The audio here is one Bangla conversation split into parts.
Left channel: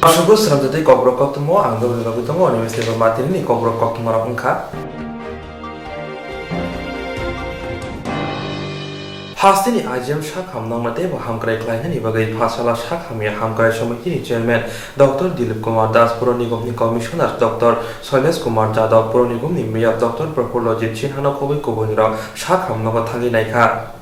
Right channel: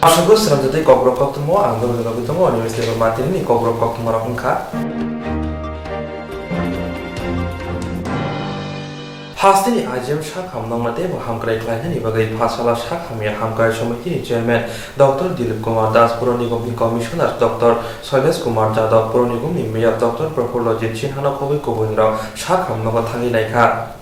Aku seram jadi kobrok ketemu, anggur juga ketemu, universitas mati ini kobrok ketemu orang engkau. Hastini IGM Shak Hamnang Mate Hamkrai Klainan Ibagai Pasala Shak Hamia Hamkrai Somiti Chairman Dr. Dilip Kumar Das Puronigomni Commissioner Dr. Soiles Kumar Jadhav Puronigomni Mayor Dr. Prafulojit Chinhana Kobi Kobunirao Shak Hamnaga Thagi Naikha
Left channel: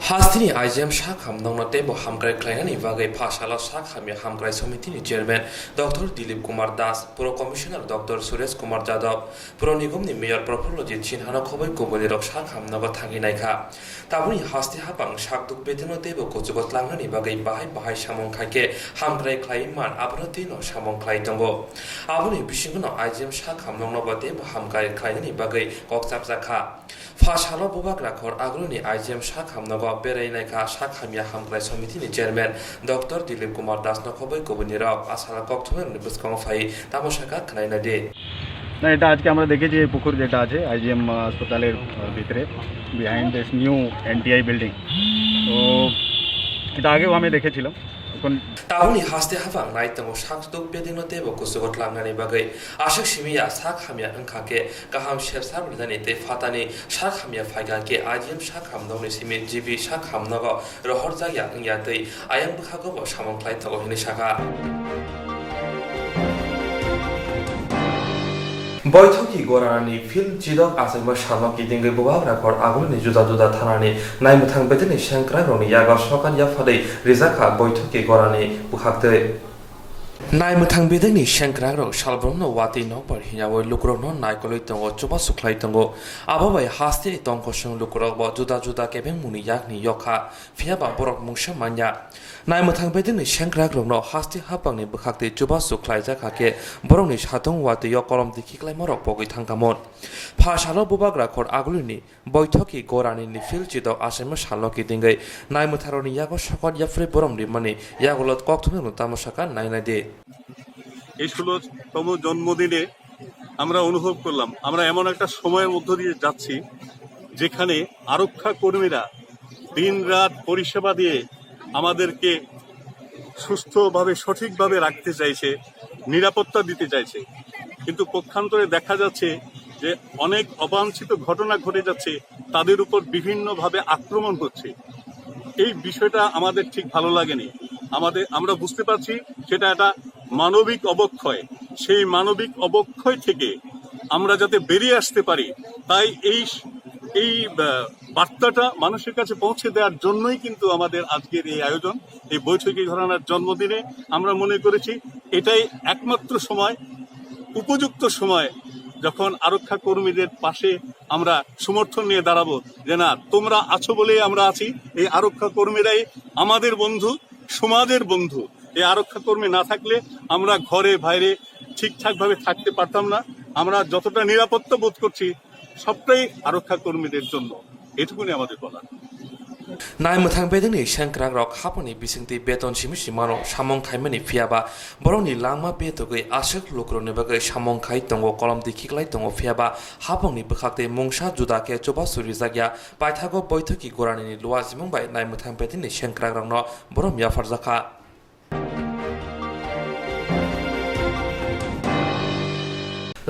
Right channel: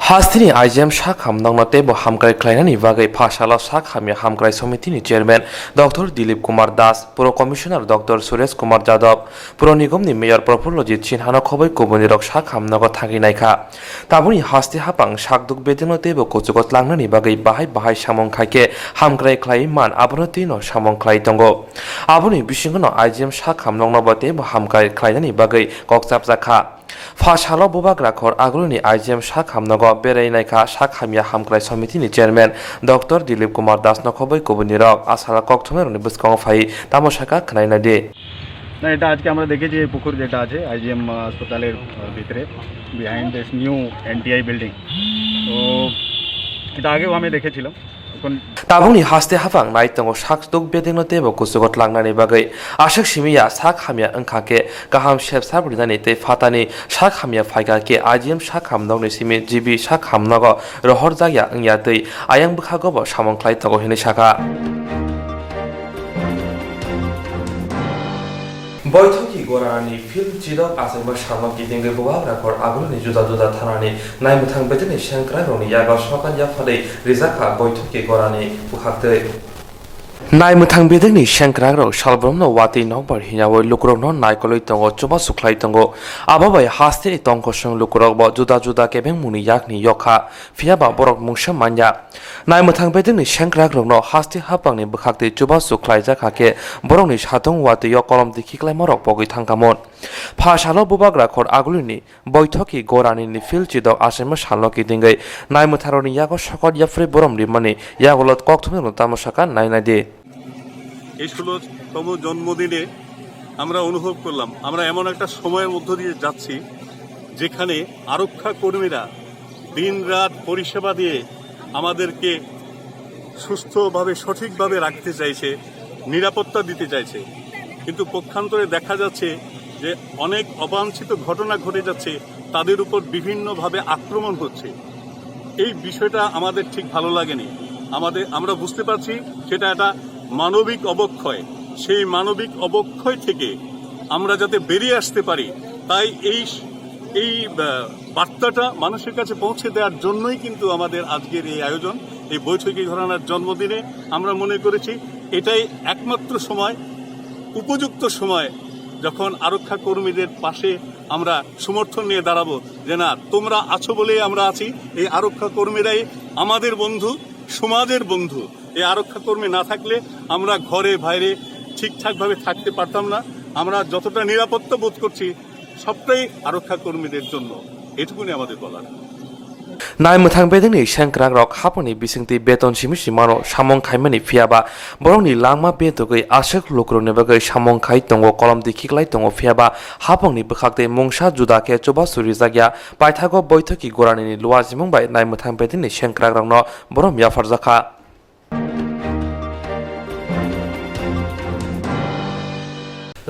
Hastini IGM Shak Hamnang Mate Hamkrai Klainan Ibagai Pasala Shak Hamia Hamkrai Somiti Chairman Dr. Dilip Kumar Das Puro Commissioner Dr. Soiles Kumar Jadhav Puronigomni Mayor Prafulojit Chinhana Kobi Kobunirao Shak Hamnaga Thagi Naikha Tabuni hasti hapang shakduk bedinote bo kuchugot langnani bagai bahai samong khaike hamkrai khlai man abonoti no samong khlai tongo aboni bisingono IGM shak hamlongno bote bo hamkrai khlainani bagai kokchap jakha Fashalo bobak rakhor agroni IGM shak hamnogo berai naikha shak hamia hamkrai samiti ni chairman Dr. Dilip Kumar Das no khoboi kobunirok asala kokthmer ni buskong phai tamoshaka khnaina de না এটা আজকে আমরা দেখেছি এই পুকুর যেটা আছে আইজিএম হাসপাতালের ভিতরে বিহাইন্ড দিস নিউ এনটিআই বিল্ডিং তো এটা আগেও আমি দেখেছিলাম এখন Tabuni haste hafang naitango shakduk bedingnote bo kusugot langnani bagai ashak shimiya sak hamia angkhake gaham shep sabrinani te fatani shak hamia phaiga ke IGM shak hamnong ni simi jibi shak hamnago rohor jaya angya tei ayang bukhago bo samong khlai tago hini shaka বৈঠকি গোরানি field জিদক আসাইবা সামকি দিঙ্গে বুবাব রাখর আগুনি জুদা জুদা থানানি নাইমুথাং বেদিনি সেংক্রা Roni ইয়াগা সকাল ইয়াফাদে রিজাকা বৈঠকি গোরানি বুখাতে Naimutang bedeni shankragro shalbromno wati nokbar hinawo lukrokno naikoloi tongo choba suklai tongo ababai haste tongko shong lukrok bo juda juda kebeng muni yakni yokha fiaba borok mungsha manya Naimutang bedeni shankragro no haste hapangni bukhakte choba suklai jakhake borokni satong wati yokolom dikhiklai morok pogoi thangkamon phashalo bubagra khor agulini boithoki gorani ni filchidok asema shalloki dingai naimutharoni yago shokot yafre borom rimani yagolot kokthumeno tamosaka nainade এই 16তম জন্মদিনে আমরা অনুভব করলাম আমরা এমন একটা সময়ের মধ্য দিয়ে যাচ্ছি যেখানে আরক্ষা কর্মীরা দিনরাত পরিষেবা দিয়ে আমাদেরকে সুস্থভাবে সঠিকভাবে রাখতে চাইছে নিরাপত্তা দিতে চাইছে কিন্তু পক্ষান্তরে দেখা যাচ্ছে যে অনেক অবাঞ্ছিত ঘটনা ঘটে যাচ্ছে তাদের উপর বিভিন্নভাবে আক্রমণ হচ্ছে এই বিষয়টা আমাদের ঠিক ভালো লাগেনি আমরা বুঝতে পারছি সেটা একটা মানবিক অবক্ষয় সেই মানবিক অবক্ষয় থেকে আমরা যাতে বেরিয়ে আসতে পারি তাই এই বার্তাটা মানুষের কাছে পৌঁছে দেওয়ার জন্যই কিন্তু আমাদের আজকের এই আয়োজন এই বৈঠকি ঘরানার জন্মদিনে আমরা মনে করেছি এটাই একমাত্র সময় উপযুক্ত সময় যখন আরক্ষা কর্মীদের পাশে আমরা সমর্থন নিয়ে দাঁড়াবো যে না তোমরা আছো বলেই আমরা আছি এই আরক্ষা কর্মীরাই আমাদের বন্ধু সমাজের বন্ধু এই আরক্ষা কর্মী না থাকলে আমরা ঘরে বাইরে ঠিকঠাকভাবে থাকতে পারতাম না আমরা যতটা নিরাপত্তা বোধ করছি সবটাই আরক্ষা কর্মীদের জন্য এটুকুনি আমাদের বলার Naimutang bedeni shankragrok haponi bisingti beton simisi mano samong khaimani fiaba borongni langma betogei ashak lukrone bagai samong khai tongo kolom dikhiklai tongo fiaba hapongni bukhakte mungsa judake choba suri jagya paithago boithoki gorani luwa jimung bai naimutang bedeni shankragrokno borom yafarjaka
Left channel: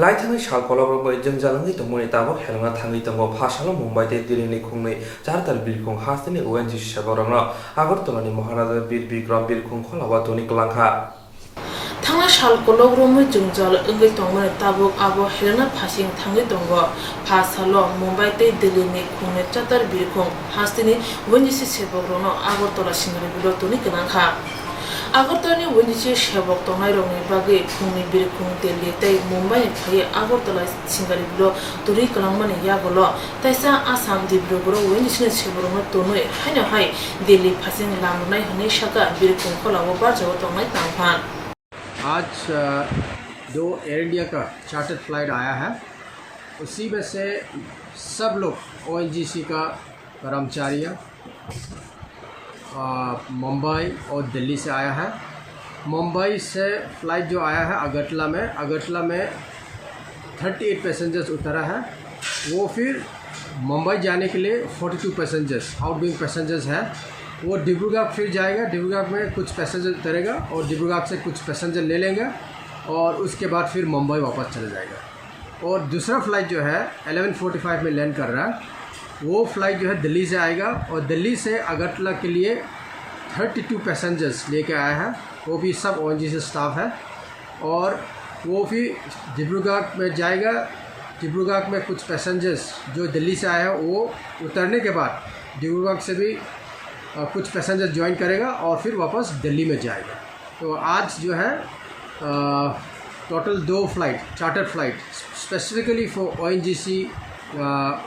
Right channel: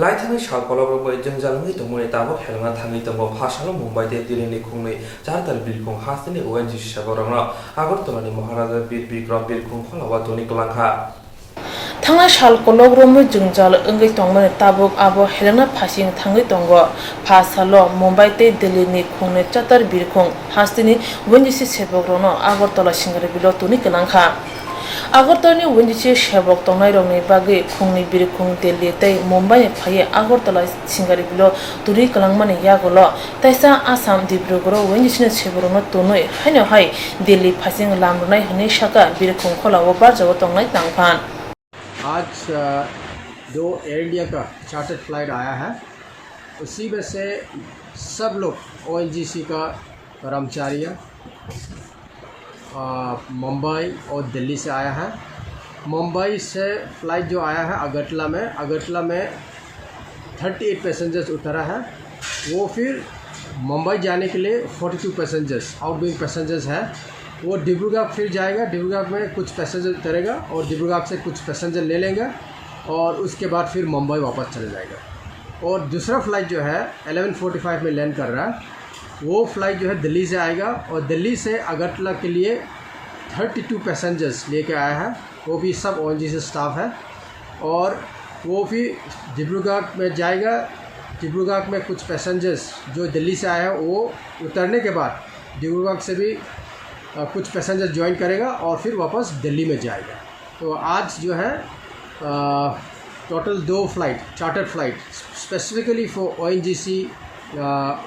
Laitani shal kolobro bai jengjalangi tongmoni tabo helanga thangi tongo phashalo Mumbai te dirini khungni chartal bilkhung hastini ONGC sagorangno Agartolani Maharaja Bir Bikram Bilkhung kholawa toni klangkha Thangna shal kolobro jengjal engai tongmoni tabo abo helanga phasing thangi tongo phashalo Mumbai te dirini khungni chartal bilkhung hastini ONGC sagorangno Agartola singari bilo toni klangkha Agartolani ONGC sebok tongnai rongni bagi khungni bilkhung Delhi tei Mumbai phaye Agartola singari bilo turi kalangmani yagolo taisa Assam Dibrugarh ONGC ni seborongno tonoi haino hai Delhi phasing lamnai hane shaka bilkhung kholawo barjago tongnai tangphan आज 2 एयर इंडिया का चार्टर्ड फ्लाइट आया है उसी में से सब लोग ओएनजीसी का कर्मचारी मुंबई और दिल्ली से आया है मुंबई से फ़्लाइट जो आया है अगरतला में 38 पैसेंजर्स उतरा है वो फिर मुंबई जाने के लिए 42 पैसेंजर्स आउटगोइंग पैसेंजर्स है वो डिब्रूगढ़ फिर जाएगा, डिब्रूगढ़ में कुछ पैसेंजर उतरेगा और डिब्रूगढ़ से कुछ पैसेंजर ले लेंगे और उसके बाद फिर मुंबई वापस चले जाएगा। और दूसरा फ़्लाइट जो है 11:45 में लैंड कर रहा है, वो फ़्लाइट जो है दिल्ली से आएगा और दिल्ली से अगरतला के लिए 32 पैसेंजर्स लेके आया है, वो भी सब ONGC स्टाफ है। और वो भी डिब्रूगढ़ में जाएगा, डिब्रूगढ़ में कुछ पैसेंजर्स जो दिल्ली से आए हैं वो उतरने के बाद डिब्रूगढ़ से भी कुछ पैसेंजर ज्वाइन करेगा और फिर वापस दिल्ली में जाएगा। तो आज जो है total 2 flight, charter flight specifically for ONGC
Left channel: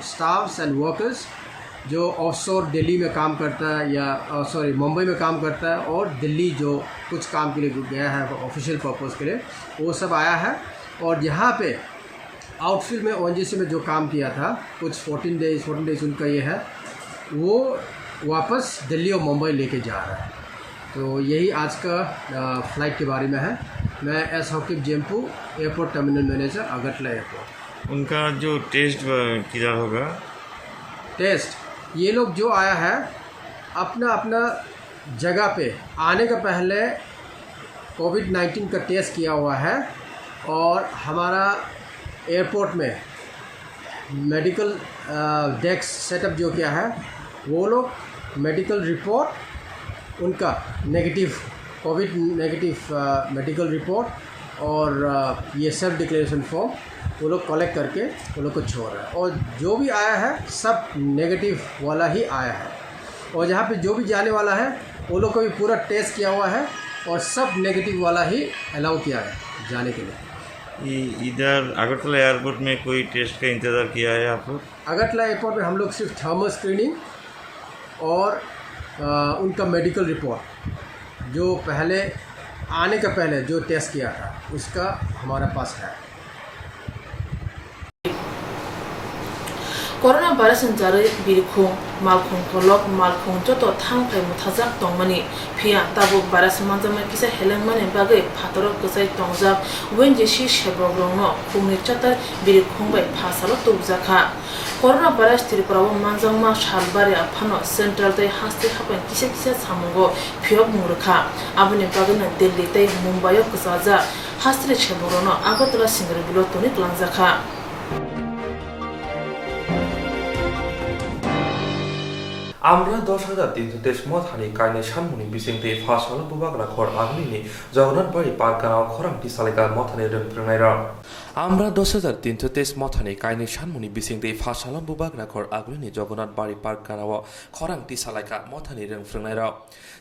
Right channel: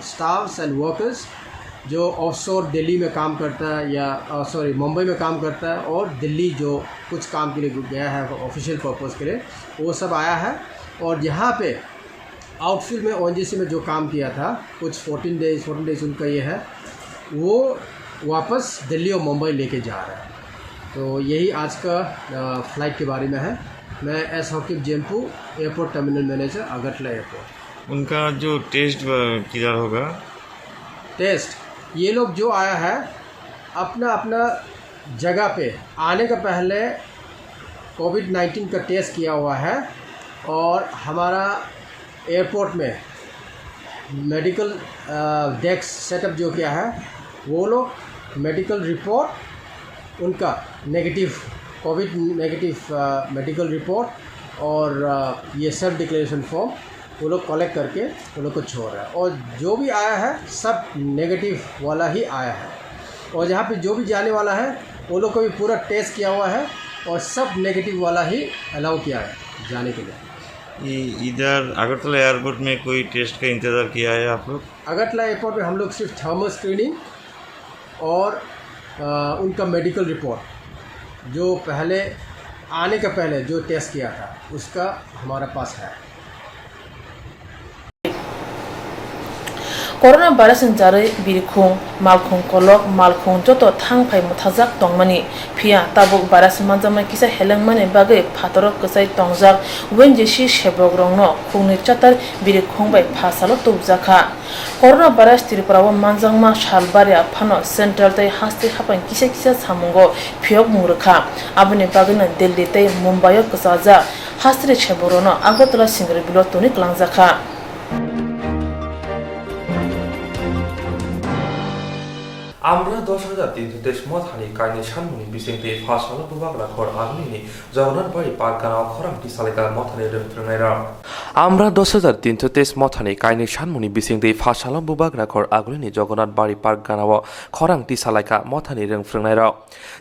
staffs and workers जो ऑफशोर दिल्ली में काम करता है या मुंबई में काम करता है और दिल्ली जो कुछ काम के लिए गया है ऑफिशियल पर्पस के लिए, वो सब आया है। और यहाँ पे आउटफील्ड में ONGC में जो काम किया था कुछ 14 डेज उनका ये है, वो वापस दिल्ली और मुंबई लेके जा रहा है। तो यही आज का फ़्लाइट के बारे में है। मैं S Hakib Jempu, airport terminal manager, Agartala airport. उनका जो टेस्ट किधर होगा? टेस्ट ये लोग जो आया है अपना अपना जगह पे आने का पहले कोविड-19 का टेस्ट किया हुआ है और हमारा एयरपोर्ट में मेडिकल डेस्क सेटअप जो किया है, वो लोग मेडिकल रिपोर्ट उनका negative Covid negative medical report और ये सेल्फ डिक्लेरेशन फॉर्म वो लोग कलेक्ट करके वो लोग को छोड़ रहा है। और जो भी आया है सब नेगेटिव वाला ही आया है और जहाँ पे जो भी जाने वाला है वो लोग को भी पूरा टेस्ट किया हुआ है और सब नेगेटिव वाला ही अलाउ किया है जाने के लिए। इधर अगरतला एयरपोर्ट में कोई टेस्ट का इंतज़ार किया है आप लोग? अगरतला एयरपोर्ट में हम लोग सिर्फ थर्मल स्क्रीनिंग और उनका मेडिकल रिपोर्ट जो पहले आने का पहले जो टेस्ट किया था उसका हमारा पास है। कोरोना भाइरस जारै बिरखुं मालखुं कलक मालखुं जत थांफाय मुथाजाक तंगमानि फिया ताबुक भाइरस मानजामा किसा हेलेंमानि बागै फातरक गसाय तंगजाक ONGC सेबक रंनो खुंनि चातार बिरखुं बाय फासालो तुबजाखा कोरोना भाइरस त्रिपुराव मानजांमा सालबारिया फानो सेंटर दै हास्ति हापाय किसा किसा सामुंगो फियक मुरखा आबुनि बागैनो दिल्ली दै मुंबाइ गसाजा हास्त्रि सेबरनो आगरतला सिंगरि बिलो तनिक लांजाखा। আমরা 10,323 মথানি কাইনে সানমুনি বিসিংতে ফাসালো বুবাগরা খর আগলিনি জগন্নাথ বাড়ি পার্কানাও খরামটি সালিকা মথানি রংফ্রংনাইরা আমরা 10,323 মথানি কাইনে সানমুনি বিসিংতে ফাসালো বুবাগরা খর আগলিনি জগন্নাথ বাড়ি পার্কানাও খরামটি সালাইকা মথানি রংফ্রংনাইরা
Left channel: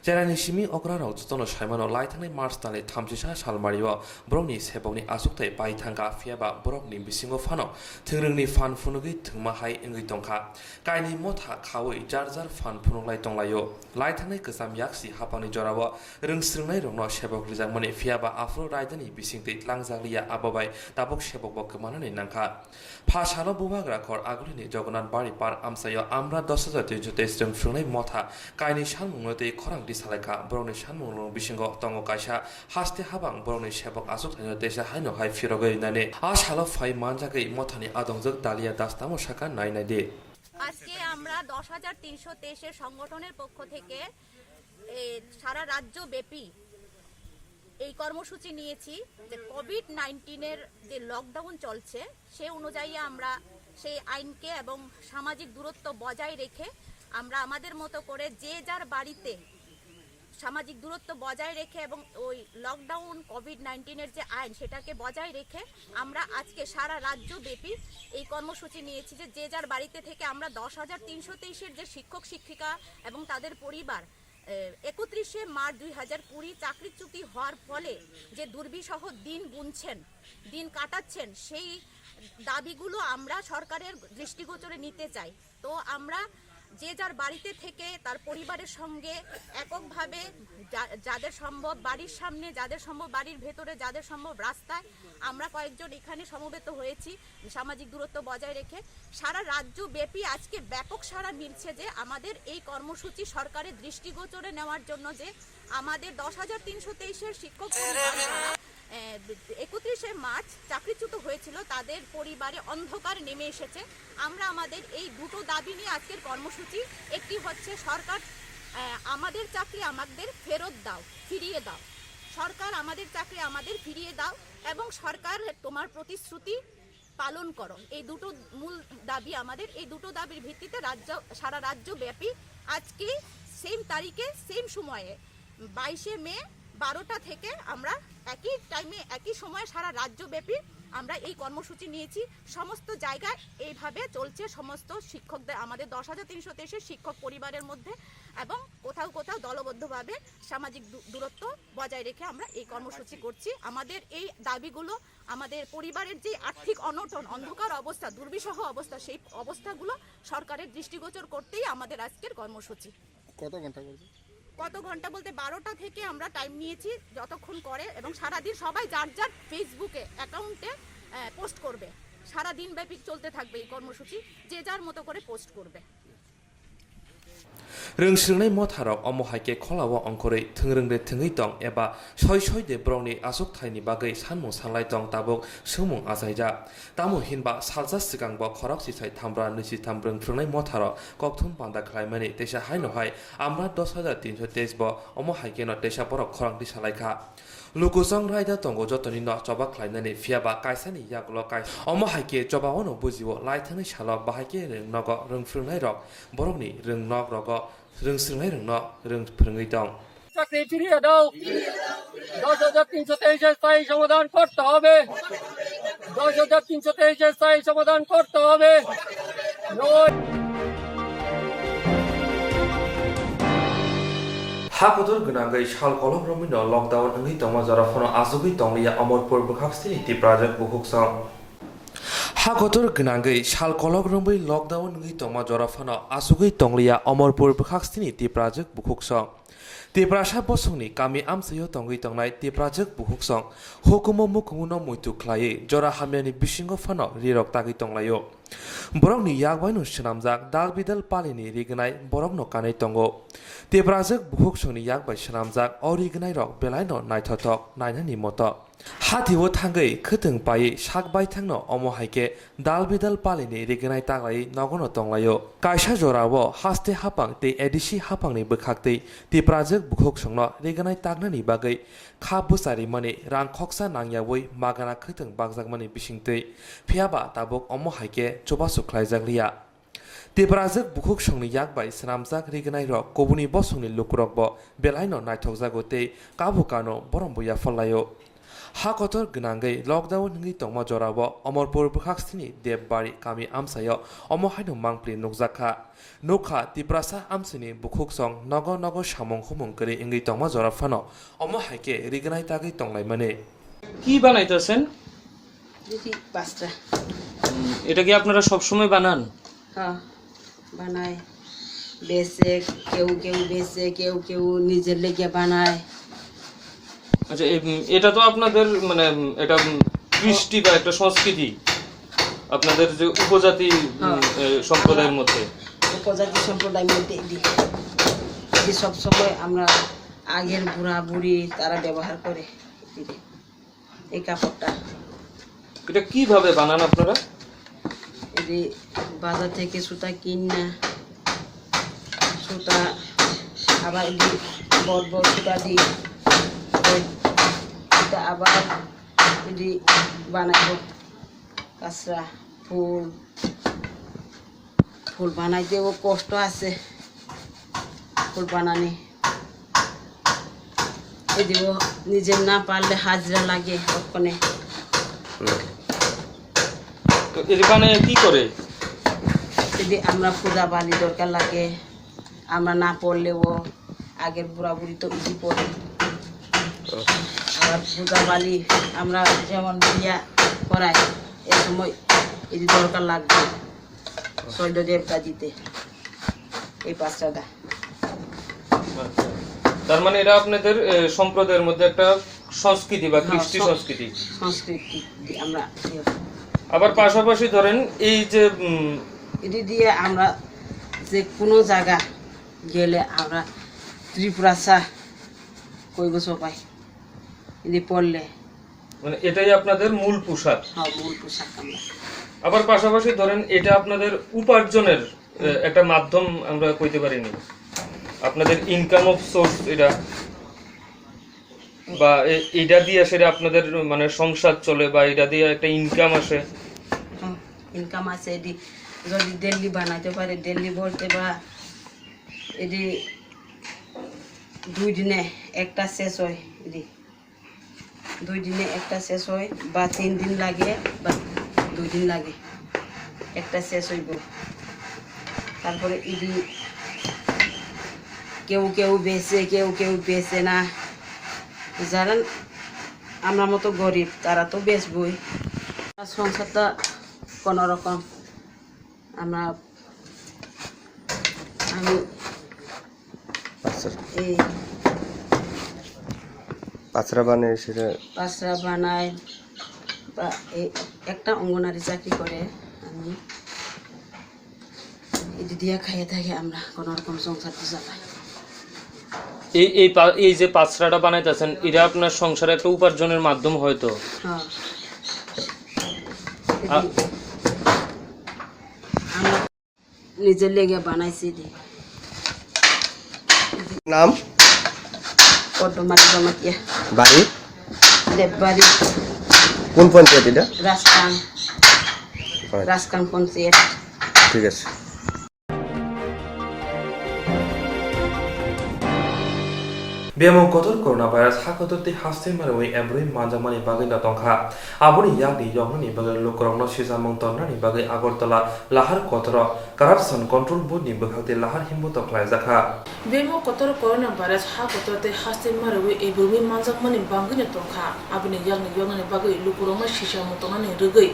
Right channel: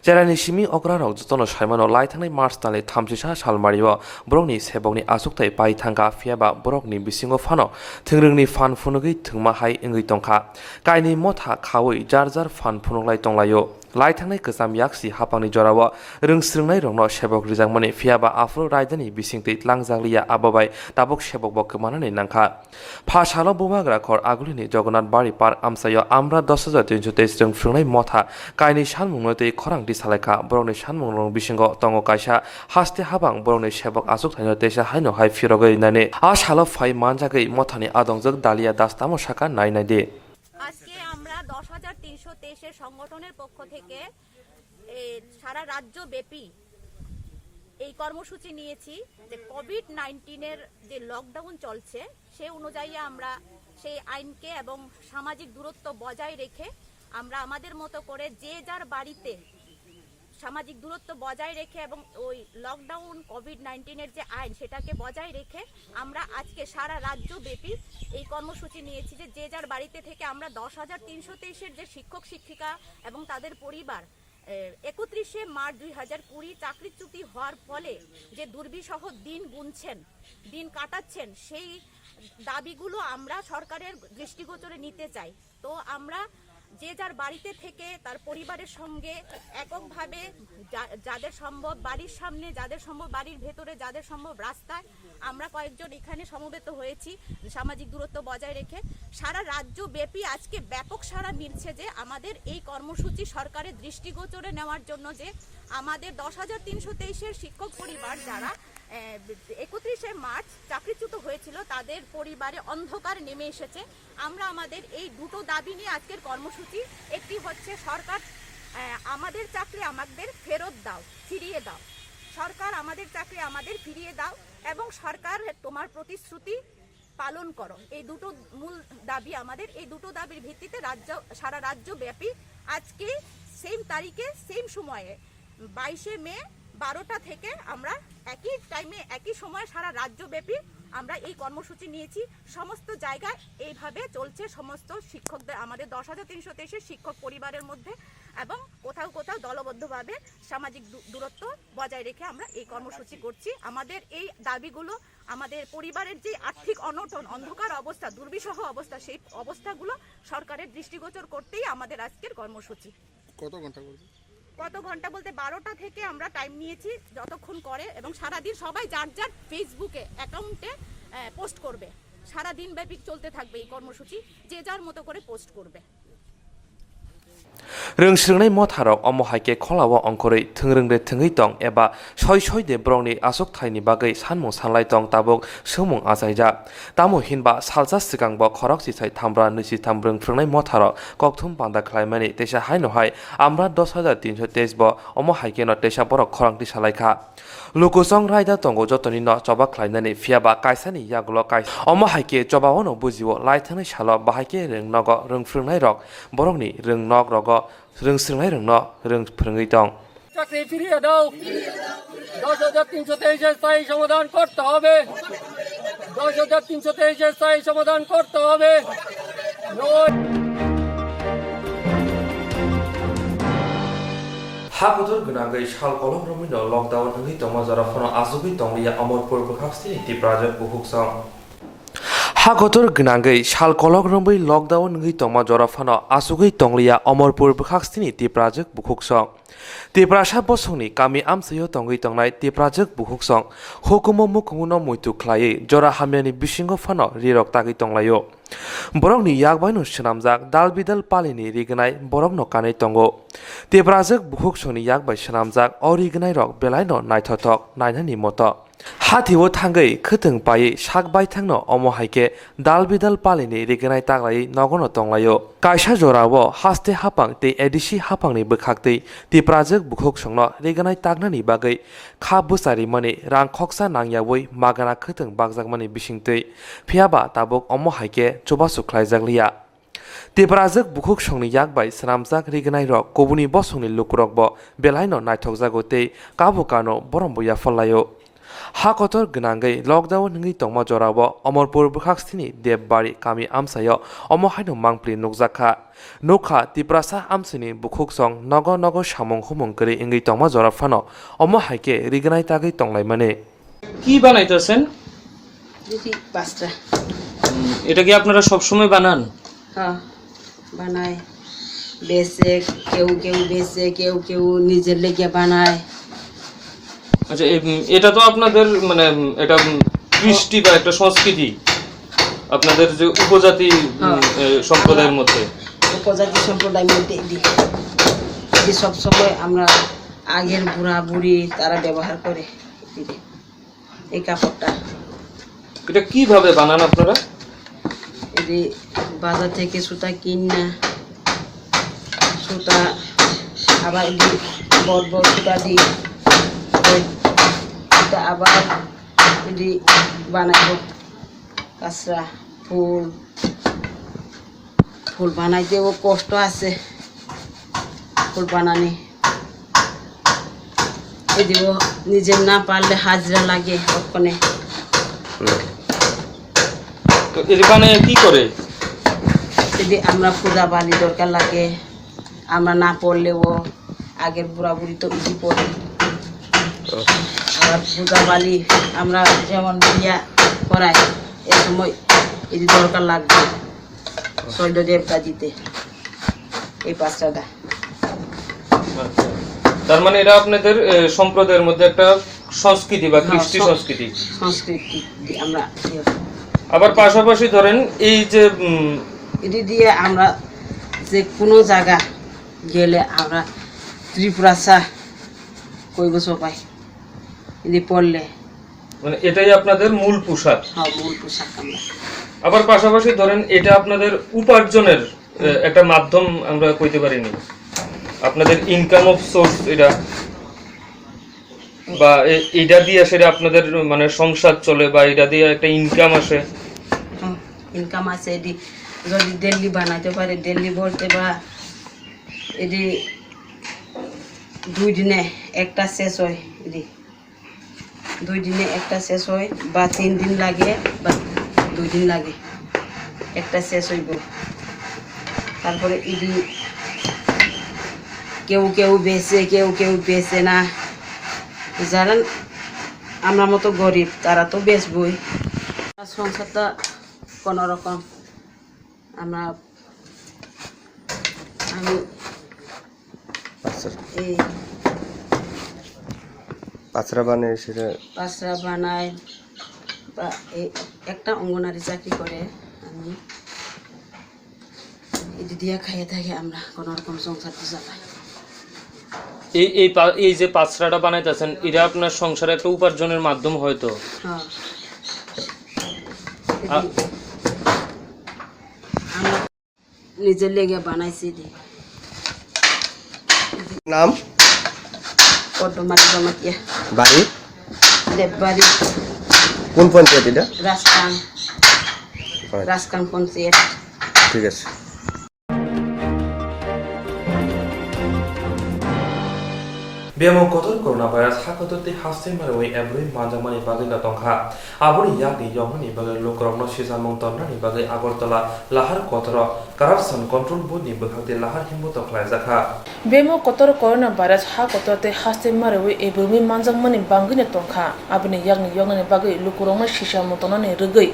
জেরানি সিমি অগ্রারাও যতন সাইমানো লাইথানাই মার্চ তালে 36 সালমারিও ব্রংনি সেবংনি আসুকতাই বাইথাंगा फियाबा ब्रकनि बिसिङाव फानो थोंरोंनि फान फुनुगै थोंमाहाय इंगै दंखा काइनि मथा खावै जारजार फान फुनुंलाय दंलायो लाइथांनाय गोजाम याक्सि हापांनि जराव रोंस्रोंनाय रंनो सेबक रिजांमानि फियाबा आफ्रो रायदानि बिसिंतै लांजाग्लिया आबाबाय दाबक सेबक बकमानानै नांखा फासालो बुमाग्रा खर आगुलिनि जगन्नाथ बारि पार्क आमसायो आमरा 10,323 रोंफ्रोंनाय मथा काइनि सानमुंनोतै खरांथि सालायखा बरनि सानमुंनं बिसिङाव दङ कायसा हास्ते हाबां बरनि सेबक आसुक थाइनो देसा हायनो हाय फिरगै नाने आ सालो फाइ मानजागै मथानि आदंजों दालिया दास्तामो साका नायनायदे আজকে আমরা 10,323 এর সংগঠনের পক্ষ থেকে সারা রাজ্য ব্যাপী এই কর্মসূচি নিয়েছি যে কোভিড-19 এর যে লকডাউন চলছে সেই অনুযায়ী আমরা সেই আইনকে এবং সামাজিক দূরত্ব বজায় রেখে আমরা আমাদের মতো করে যে যার বাড়িতে সামাজিক দূরত্ব বজায় রেখে এবং ওই লকডাউন কোভিড-19 এর যে আইন সেটাকে বজায় রেখে আমরা আজকে সারা রাজ্যব্যাপী এই কর্মসূচি নিয়েছি যে যার বাড়িতে থেকে আমরা 10,323 এর যে শিক্ষক শিক্ষিকা এবং তাদের পরিবার 31 মার্চ 2020 চাকরিচ্যুতি হওয়ার ফলে যে দুর্বিষহ দিন গুনছেন দিন কাটাচ্ছেন সেই দাবিগুলো আমরা সরকারের দৃষ্টিগোচরে নিতে চাই। তো আমরা যে যার বাড়িতে থেকে তার পরিবারের সঙ্গে এককভাবে যাদের সম্ভব বাড়ির সামনে যাদের সম্ভব বাড়ির ভেতরে যাদের সম্ভব রাস্তায় আমরা কয়েকজন এখানে সমবেত হয়েছি সামাজিক দূরত্ব বজায় রেখে সারা রাজ্যব্যাপী আজকে ব্যাপক সাড়া মিলছে যে আমাদের এই কর্মসূচি সরকারের দৃষ্টিগোচরে নেওয়ার জন্য যে আমাদের 10,323 এর শিক্ষক পরিবার যারা 31 মার্চ চাকরিচ্যুত হয়েছিল তাদের পরিবারে অন্ধকার নেমে এসেছে। আমরা আমাদের এই দুটো দাবি নিয়ে আজকের কর্মসূচি, একটি হচ্ছে সরকার আমাদের চাকরি আমাদের ফেরত দাও, ফিরিয়ে দাও। সরকার আমাদের চাকরি আমাদের ফিরিয়ে দাও এবং সরকার তোমার প্রতিশ্রুতি পালন করো। এই দুটো মূল দাবি আমাদের। এই দুটো দাবির ভিত্তিতে সারা রাজ্য ব্যাপী আজকে সেম তারিখে সেম সময়ে 22শে মে 12টা থেকে আমরা একই টাইমে একই সময়ে সারা রাজ্যব্যাপী আমরা এই কর্মসূচি নিয়েছি। সমস্ত জায়গায় এইভাবে চলছে। সমস্ত শিক্ষকদের, আমাদের 10,323 শিক্ষক পরিবারের মধ্যে এবং কোথাও কোথাও দলবদ্ধভাবে সামাজিক দূরত্ব বজায় রেখে আমরা এই কর্মসূচি করছি। আমাদের এই দাবিগুলো, আমাদের পরিবারের যে আর্থিক অনটন, অন্ধকার অবস্থা, দুর্বিষহ অবস্থা, সেই অবস্থাগুলো সরকারের দৃষ্টিগোচর করতেই আমাদের আজকের কর্মসূচি। কত ঘন্টা বলতে 12টা থেকে আমরা টাইম নিয়েছি, যতক্ষণ করে, এবং সারাদিন সবাই যার যার ফেসবুকে অ্যাকাউন্টে পোস্ট করবে। সারাদিন ব্যাপী চলতে থাকবে এই কর্মসূচি, যে যার মতো করে পোস্ট করবে। रोंस्रिंनाय मथाराव अमो हाइके खलाव अंकरै थोंरोंदे थोङै दं एबा सय दे ब्रंनि आसक थाइनि बागै सानमुं सानलाय दं ताबुक सोमुं आजायजा तामु हिनबा सालजा सिगांबो खरक सिसाय थामब्रा नैसि थामब्रों फ्रोंनाय मथाराव कक्थुम बान्दा खालायमानि तेसा हायनहाय आमरा 10,323 बो अमो हाइके न तेसा बरक खरांति सालायखा लोकोसं रायदा दंगो जतनि न चबा खालायनानै फियाबा कायसानि यागुल काय अमो हाइके चबावनो बुजिवो लायथांनाय साल बाहायके रोंनग रोंफ्रोंनाय रक बरकनि रोंनग रग रोंस्रिंनाय रोंन रोंफ्रोङै दं। চাকরি ফিরিয়ে দাও। 10,323 স্থায়ী সমাধান করতে হবে। 10,323 স্থায়ী সমাধান করতে হবে। हाकुदुर गनांगै साल कलम रमिनो लकडाउन अंगै तंमा जराफनो आजुबै तंलिया अमरपुर बखाक्सिनि तिप्राजक बुहुक्सं हाकुदुर गनांगै साल कलम रमै लकडाउन अंगै तंमा जराफनो आजुबै तंलिया अमरपुर बखाक्सिनि तिप्राजक बुहुक्सं तिप्रासा बसंनि कामि आमसायो तंगै तंनाय तिप्राजक बुहुक्सं हुकुमो मुकुमुनो मुइतु ख्लायै जरा हामियानि बिसिंगो फानो रिरक तागै तंलायो बरकनि यागबायनो सनामजाक दालबिदाल पालिनि रिगनाय बरकनो कानै तंगो तिप्राजक बुहुक्संनि यागबाय सनामजाक अरिगनाय रक बेलायनो नायथथक नायनानि मत हाथिवो थांगै खोथों पायै सागबाय थांनो अमो हाइके दालबिदाल पालिनि रिगनाय ताग्लायै नगनो तंलायो कायसा जरावो हास्ते हापां ते एडिसि हापांनि बोखाक्तै तिप्राजक बुहुक्संनो रिगनाय तागनानि बागै खा बुसारि मनि रां खक्सा नांयावै मागाना खोथों बागजाकमानि बिसिंतै फियाबा ताबुक अमो हाइके चबा सुख्लायजाकलिया तिप्राजक बुहुक्संनि यागबाय सनामजाक रिगनाय रक कबुनि बसंनि लुकुरकबो बेलायनो नायथकजागोतै काबुकानो बरमबुया फल्लायो हाकतर गनांगै लकडाउन नङै तंमा जरावो अमरपुर बखाक्सिनि देबबारि कामि आमसायो अमो हायनो मांप्लि नुकजाखा नौखा तिप्रासा आमसिनि बुखुकसं नग नग सामं हुमं करे इंगै तंमा जराफानो अमो हाइके रिगनाय तागै तंलाय माने কি বানাইতেছেন? পাঁচটা। এটা কি আপনারা সব সময় বানান? হ্যাঁ বানায়, বেচে, কেউ কেউ বেচে, কেউ কেউ নিজের লেগে বানায়। আচ্ছা, এটা তো আপনাদের মানে এটা কৃষ্টি বা একটা সংস্কৃতি আপনাদের যে উপজাতি সম্প্রদায়ের মধ্যে। উপজাতি সম্প্রদায়ের মধ্যে এটি সবসময় আমরা আগের বুড়া বুড়ি তারা ব্যবহার করে এই কাপড়টা। এটা কিভাবে বানান আপনারা? এটি বাজার থেকে সুতা কিনা, সুতা আবার বড় বড় সুতা দিই, আবার এটি বানাইব কাঁচরা ফুল। ফুল বানাইতেও কষ্ট আছে, ফুল বানানি এদিও নিজে না পারলে হাজরা লাগে ওখানে। তো এর বানায় কি করে? যদি আমরা পূজা বালি দরকার লাগে, আমরা না পড়লেও আগের বুড়া বুড়ি তো ইজি পড়ে। আবার পূজা বালি আমরা যেমন বিয়া করাই, এ সময় এটি দরকার লাগবে শৈল দেবতা দিতে এই পাঁচটা। তার মানে এটা আপনাদের সম্প্রদায়ের মধ্যে একটা সংস্কৃতি বা কৃষ্টি সংস্কৃতি। সংস্কৃতি আমরা আবার পাশাপাশি ধরেন এই যে এটি দিয়ে আমরা যে কোনো জায়গা গেলে আমরা ত্রিপুরাসা কইব সবাই এটি পড়লে, মানে এটাই আপনাদের মূল পোশাক। হ্যাঁ মূল পোশাক আমরা। আবার পাশাপাশি ধরেন এটা আপনাদের উপার্জনের একটা মাধ্যম আমরা কইতে পারিনি। আপনাদের ইনকাম অফ সোর্স এটা বা এটা দিয়ে সেটা আপনাদের মানে সংসার চলে বা এটা দিয়ে একটা ইনকাম আসে? ইনকাম আছে এটি যদি দিল্লি বানাইতে পারে দিল্লি বলতে বা এটি 2 দিনে একটা শেষ হয়, এটি 2 দিনে একটা শেষ হয় বা 3 দিন লাগে বা 2 দিন লাগে একটা শেষ হইব। তারপরে এটি কেউ কেউ বেচে কেউ কেউ বেচে না, যারা আমরা মতো গরিব তারা তো বেচবই। সংসারটা কোনো রকম আমি এই পাঁচরা বানায় সেটা পাঁচরা বানাই বা এই একটা অঙ্গনারী চাকরি করে আমি এটি দিয়ে খাইয়ে থাকি, আমরা কোনো রকম সংসারটা চালাই। এই যে পাঁচরাটা বানাইতেছেন এটা আপনার সংসারে একটা উপার্জনের মাধ্যম হয়তো? হ্যাঁ, আমরা নিজের লেগে বানাইছি। নাম পদ্মমাটি জমাতিয়া, বাড়ি দেববাড়ি, কোন পঞ্চায়েত এটা? রাজকান পঞ্চায়েত। ঠিক আছে। Bemo kotor coronavirus hakotote hastin marwe every manjamani bagai na tongkha aboni yakni yongni bagai lokrongno sisamong tonnani bagai agortala lahar kotoro corruption control board ni bakhate lahar himbo tokhlai jakha Bemo kotor coronavirus hakotote hastin marwe every manjamani bagai na tongkha aboni yakni yongni bagai lokrongno sisamong tonnani rugai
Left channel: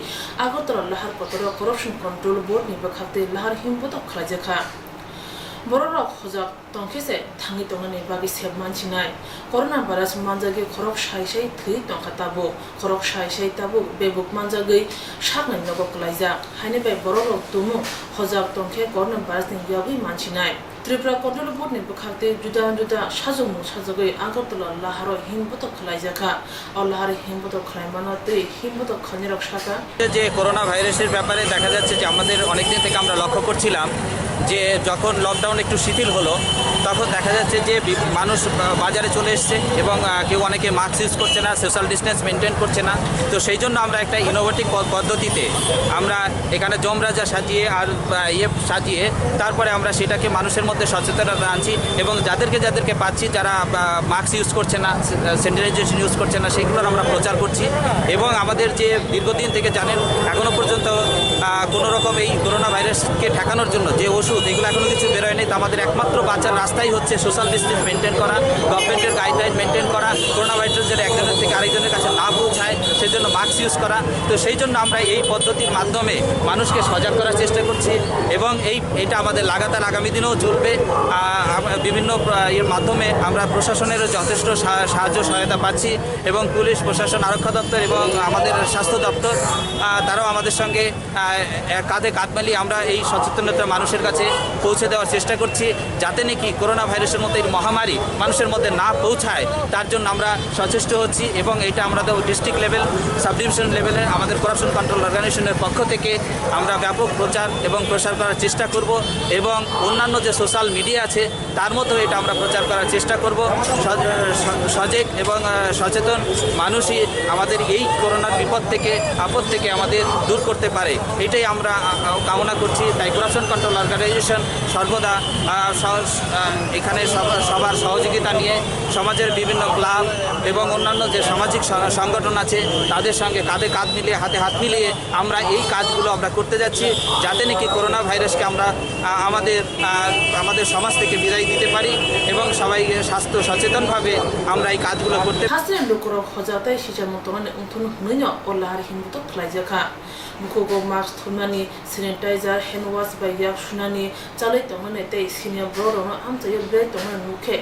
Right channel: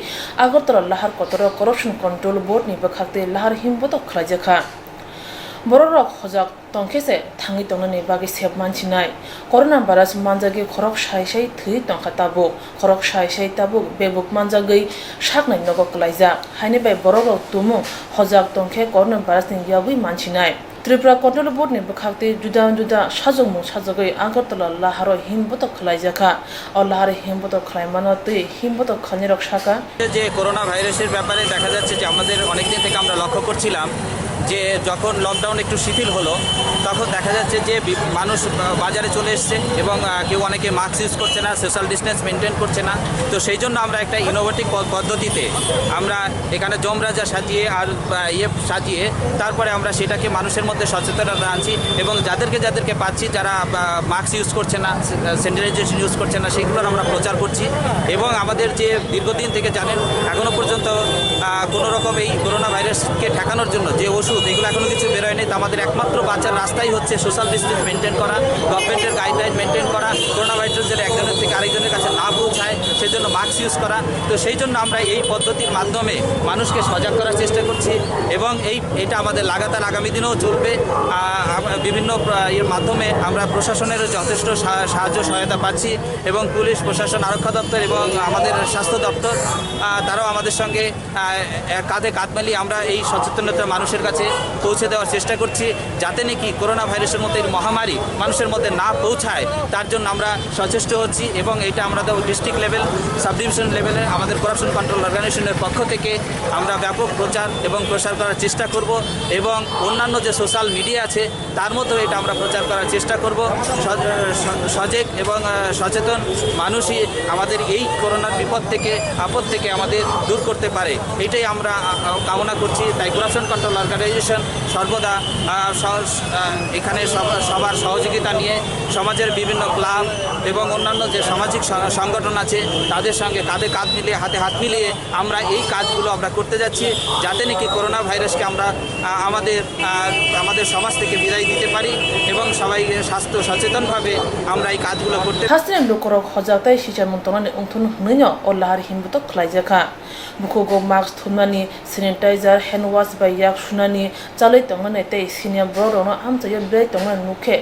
agortala lahar kotoro corruption control board ni bakhate lahar himbo tokhlai jakha Borok hojak tongkese tangi tongani bagi sep manchinai corona virus manjagi khorok sai thui tongkha tabo khorok sai tabo bebuk manjagi saknai nogo klaija haine bai borok tumu hojak tongke corona virus ni yawi manchinai Tripura Control Board ni bakhate juda sajongmu sajagai Agartala laharo himboto khlaijaka और lahar himboto khlaimano tui himboto khanirok shaka যে করোনা ভাইরাসের ব্যাপারে দেখা যাচ্ছে যে আমাদের অনেক দিন থেকে আমরা লক্ষ্য করছিলাম যে যখন লকডাউন একটু শিথিল হলো তখন দেখা যাচ্ছে যে মানুষ বাজারে চলে এসেছে এবং কেউ অনেকে মাস্ক ইউজ করছে না, সোশ্যাল ডিস্টেন্স মেনটেন করছে না। তো সেই জন্য আমরা একটা ইনোভেটিভ পদ্ধতিতে আমরা এখানে জমরাজা সাজিয়ে আর সাজিয়ে তারপরে আমরা সেটাকে মানুষের মধ্যে সচেতনতা আনছি এবং যাদেরকে পাচ্ছি যারা মাস্ক ইউজ করছে না, স্যানিটাইজেশন ইউজ করছে না, সেগুলোর আমরা প্রচার করছি। এবং আমাদের যে দীর্ঘদিন থেকে জানেন এখনও পর্যন্ত কোনো রকম এই করোনা ভাইরাসকে ঠেকানোর জন্য যে ওষুধ এগুলো এখনও কিছু বেরোয়নি। তো আমাদের একমাত্র বাঁচার রাস্তাই হচ্ছে সোশ্যাল ডিস্টেন্স মেনটেন করা, গভর্নমেন্টের গাইডলাইন মেনটেন করা, করোনা ভাইরাস যেন একজনের থেকে আরেকজনের কাছে না পৌঁছায় সেই জন্য মাস্ক ইউজ করা। তো সেই জন্য আমরা এই পদ্ধতির মাধ্যমে মানুষকে সজাগ করার চেষ্টা করছি এবং এটা আমাদের লাগাতার আগামী দিনেও চলবে। বিভিন্ন এর মাধ্যমে আমরা প্রশাসনের যথেষ্ট সাহায্য সহায়তা পাচ্ছি এবং পুলিশ প্রশাসন, আরক্ষা দপ্তর এবং আমাদের স্বাস্থ্য দপ্তর তারাও আমাদের সঙ্গে কাঁধে কাঁধ মিলিয়ে আমরা এই সচেতনতা মানুষের কাছে পৌঁছে দেওয়ার চেষ্টা করছি যাতে নাকি করোনা ভাইরাসের মতো এই মহামারী মানুষের মধ্যে না পৌঁছায় তার জন্য আমরা সচেষ্ট হচ্ছি। এবং এটা আমাদের ডিস্ট্রিক্ট লেভেল, সাব ডিভিশন লেভেলে আমাদের করাপশন কন্ট্রোল অর্গানাইজেশনের পক্ষ থেকে আমরা ব্যাপক প্রচার এবং প্রসার করার চেষ্টা করব এবং অন্যান্য যে সোশ্যাল মিডিয়া আছে তার মধ্যেও এটা আমরা প্রচার করার চেষ্টা করব। সজাগ এবং সচেতন মানুষই আমাদের এই করোনার বিপদ থেকে আপদ থেকে আমাদের দূর করতে পারে, এটাই আমরা কামনা করছি। তাই করাপশন কন্ট্রোল অর্গানাইজেশন সর্বদা এখানে সবার সহযোগিতা নিয়ে সমাজের বিভিন্ন ক্লাব এবং অন্যান্য যে সামাজিক সংগঠন আছে তাদের সঙ্গে কাঁধে কাঁধ মিলিয়ে হাতে হাত মিলিয়ে আমরা এই কাজগুলো আমরা করতে যাচ্ছি যাতে নাকি করোনা ভাইরাসকে আমরা আমাদের সমাজ থেকে বিদায় দিতে পারি এবং সবাই স্বাস্থ্য সচেতনভাবে আমরা এই কাজগুলো করতে হাসিনা লোকরক হজাতাই সিজার মন্তমানে উন্থুন হুনৈনো অল্লাহার হিমবুতো খ্লাইজাখা বুকুগো মাস্ক থুনমানি স্যানিটাইজার হ্যান্ড ওয়াশ বাই ইয়াক সুনানি চালাই তংমানে তাই সিনিয়া ব্ররনো আমচাयो ব্লাই তংমানে নুখে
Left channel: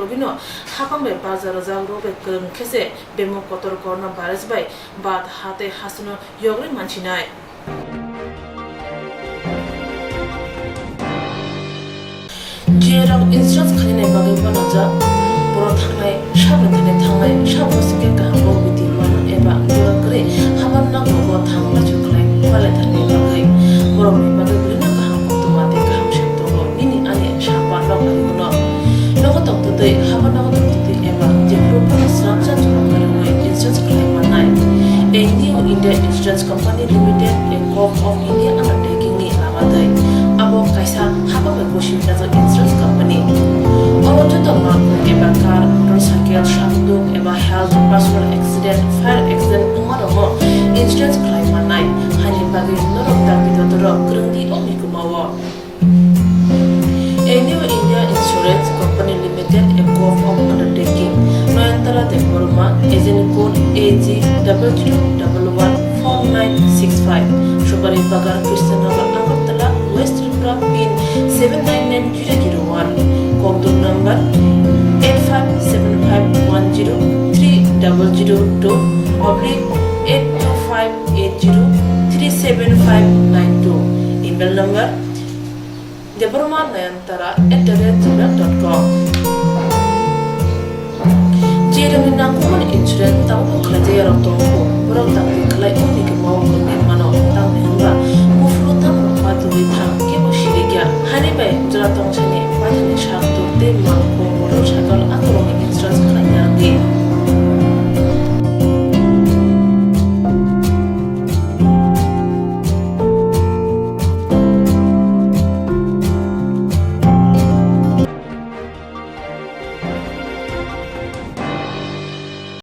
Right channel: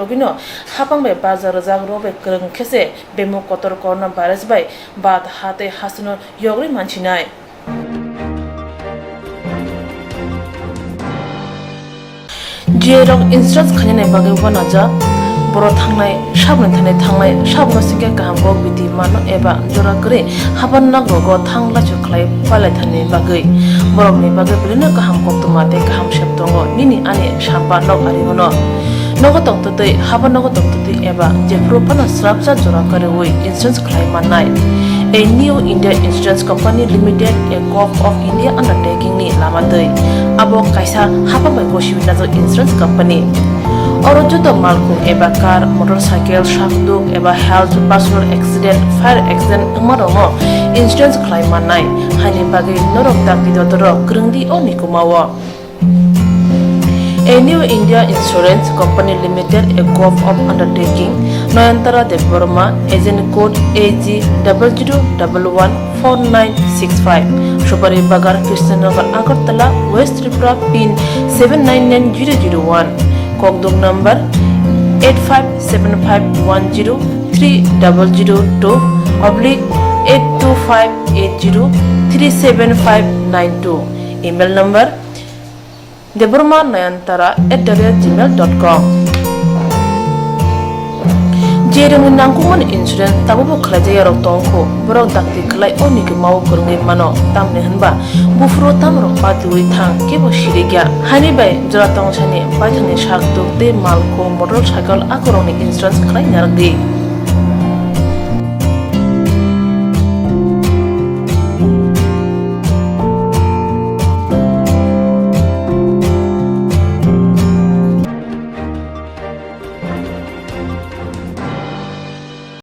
লগিনো হাপাংবাই বাজার জাগরবে গরং খেসে বেমো কতর করোনা ভাইরাস বাই বাদ হাতে হাসিনো यग्रि मानसिनाय जेरक इन्सुरेन्स खालामनाय बागै बनाजा बर' थांनाय साबसिके गाहामो बिदि मानो एबा जनागरि हाबान नांगौ थांला सुख्लाय फालायथारनि बागै बर'नि बागै ओरैनो गाहाम कक्टमाते गाहाम सेबदं tongo nini ani shamba nok arimono nogo tongtotoi haba nogo tongtotoi eba je propana srapsa jora kare oi insurance claim manai a new India Insurance Company Limited a Gulf of India undertaking ni lamadai abo kaisa haba mai boshi nazo insurance company Orojoto malku eba car motorcycle shakduk eba health personal accident fire accident umarongo insurance claim manai hani bagi norok takti dotoro grungdi oni kumawa A new India Insurance Company Limited, a Gulf of Undertaking, Noyantara de Burma, agent code AG00114965, Shobari Bagar, Krishnagar, Agartala, West Tripura, PIN 799001, Kokduk number 857510-82580375592, email number deburmanayantara@gmail.com Jereng nangkungan insurance tabu kerja yang tongko berok takti kelai oni ke mau kerja mano tang nehanba bufro tam ropa duri thang ke bosiriga hani bay jora tong chane pajane shak to te mal ko motorcycle akoroni insurance kelai nargi